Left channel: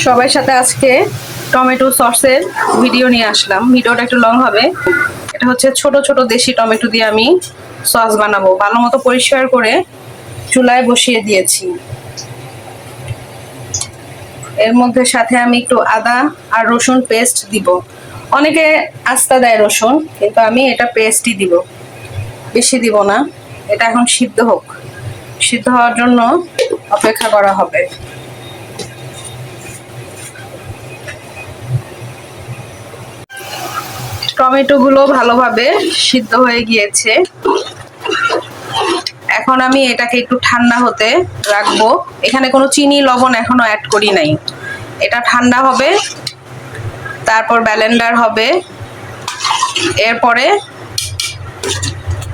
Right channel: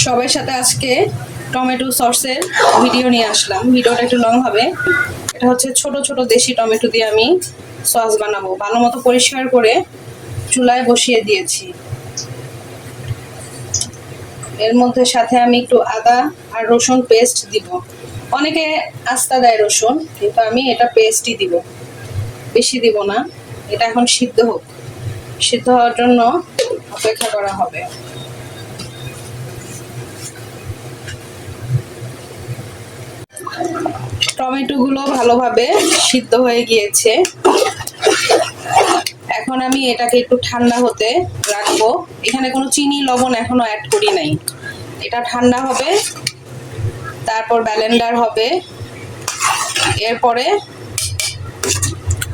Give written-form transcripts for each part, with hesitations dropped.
সবার সাথে আজকে টমেটো সসের ভিডিও নিয়ে আসলাম। ভিডিওটা একটু লং হবে। এটা হচ্ছে ছোট ছোট দেশি টমেটো দিয়ে আমি সস বানাবো। ভালো মতো পরিষ্কার করে চুলায় বসিয়ে দিয়েছি। এর মধ্যে সাথে আমি একটু আদা আর রসুন পেস্ট দিব। অনেকে আস্তা দেয় রসুন, কিন্তু আমি এটা পেস্টই দিব, বেশি দিব না। এটা এখন সিদ্ধ হোক, সিদ্ধ হওয়ার জন্য অপেক্ষা করা হবে। টমেটো গুলো ভালোভাবে সিদ্ধ হয়ে গিয়েছে। এখন আমি এটাকে একটু ঠান্ডা হতে রাখবো। এখানে কোনো চিনি লবণ এখনো অ্যাড করি নাই। এটা ঠান্ডা হবে, তারপর ব্লেন্ডার হবে। এরপরে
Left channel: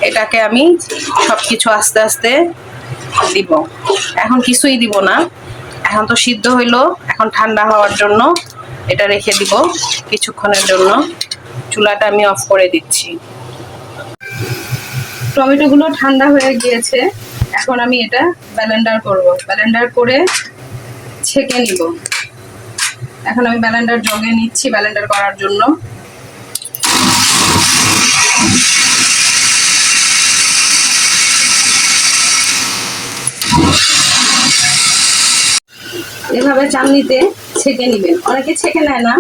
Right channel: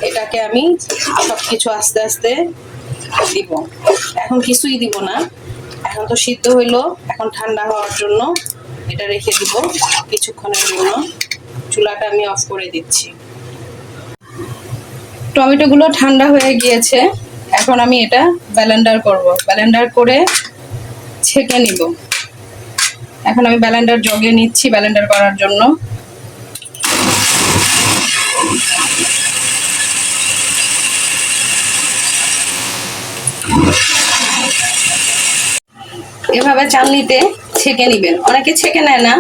এটাকে আমি সবকিছু আস্তে আস্তে দিব। এখন কিছুই দিব না, এখন তো সিদ্ধ হইলো। এখন ঠান্ডা হওয়ার জন্য এটা রেখে দিব কিছুক্ষণের জন্য। চুলাটা আমি অফ করে দিচ্ছি। টমেটো গুলো ঠান্ডা হয়ে গিয়েছে। এখন আমি এটা ব্লেন্ডার করব। ব্লেন্ডার করে ছেঁকে নিব। এখন আমি ব্লেন্ডার জগে নিচ্ছি ব্লেন্ডার করার জন্য। এভাবে চালনিতে ছেঁকে নিবেন। অনেকে ছেঁকে নেয় না,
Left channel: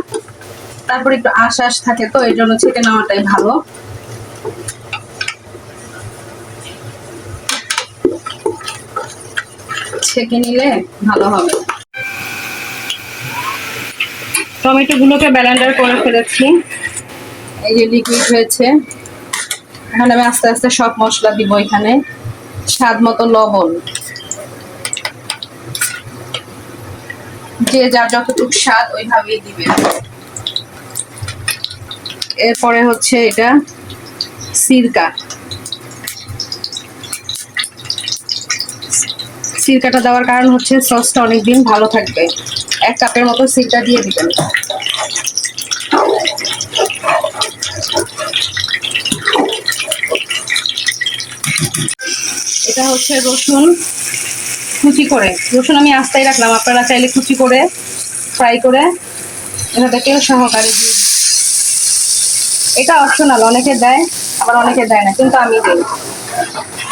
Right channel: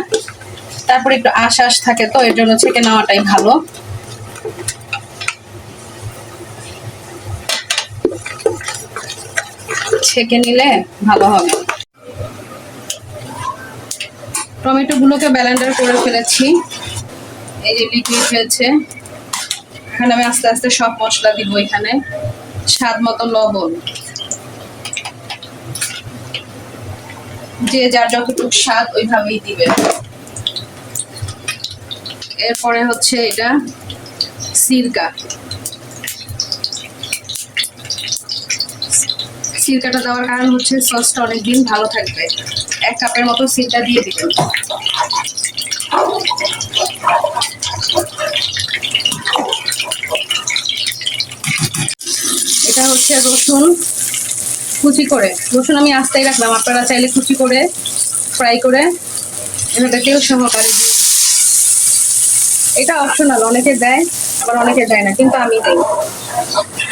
তারপর একটু আঁশ থাকে, তো এর জন্য ছেঁকে নেওয়াটাই ভালো। ছেঁকে নিলে ভালো হবে। টমেটো গুলোকে ব্লেন্ডার করে ফেলেছি। এই যে লিকুইড হয়েছে। এখন আমি আস্তে আস্তে সব মশলা দিব। এখানে স্বাদ মতো লবণ, যে যার যতটুকু স্বাদ ওইভাবেই দিবে। এরপরে হচ্ছে এটা সিরকা। সিরকাটা দেওয়ার কারণ হচ্ছে সসটা অনেকদিন ভালো থাকবে। 1 কাপের মতো সিরকা দিয়ে দিবেন। এটা হচ্ছে রসুন কুচি করে। রসুন আমি আস্তাই রাখলাম, আপনারা চাইলে কুচি করে ফ্রাই করে এভাবে তেল সহকারে দিয়ে। এটা অপশনাল, অনেকে দেয় আবার অনেকে দেয় না, কিন্তু আমি দেই,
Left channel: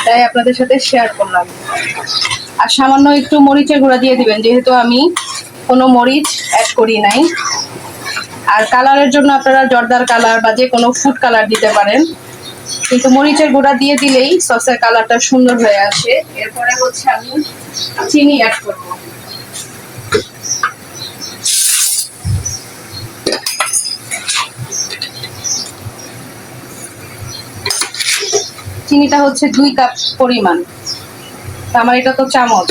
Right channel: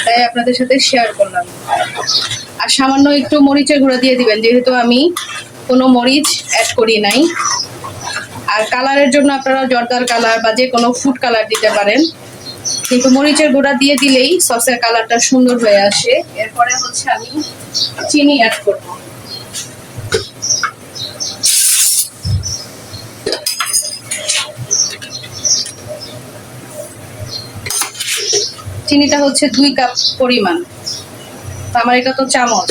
তাই আপনাদের সাথে শেয়ার করলাম। আর সামান্য একটু মরিচের গুঁড়া দিয়ে দিবেন, যেহেতু আমি কোনো মরিচ অ্যাড করি নাই। আর কালারের জন্য আপনারা জর্দার কালার বা যে কোনো ফুড কালার দিতে পারেন, কিন্তু মরিচের গুঁড়া দিয়ে দিলেই সসের কালারটা সুন্দর হয়ে আসে। এরপরে হচ্ছে আমি চিনি অ্যাড করব। চিনিটা হচ্ছে 2 কাপ পরিমাণ। আমার এটা তো চামচ,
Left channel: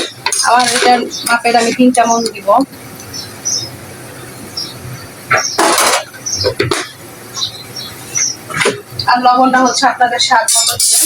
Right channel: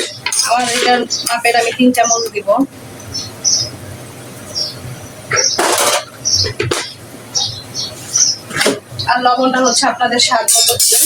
আমার এটার মাপের আমি 3 চামচ দিব। আর লবণটা হচ্ছে আপনাদের স্বাদ মতো দিবেন।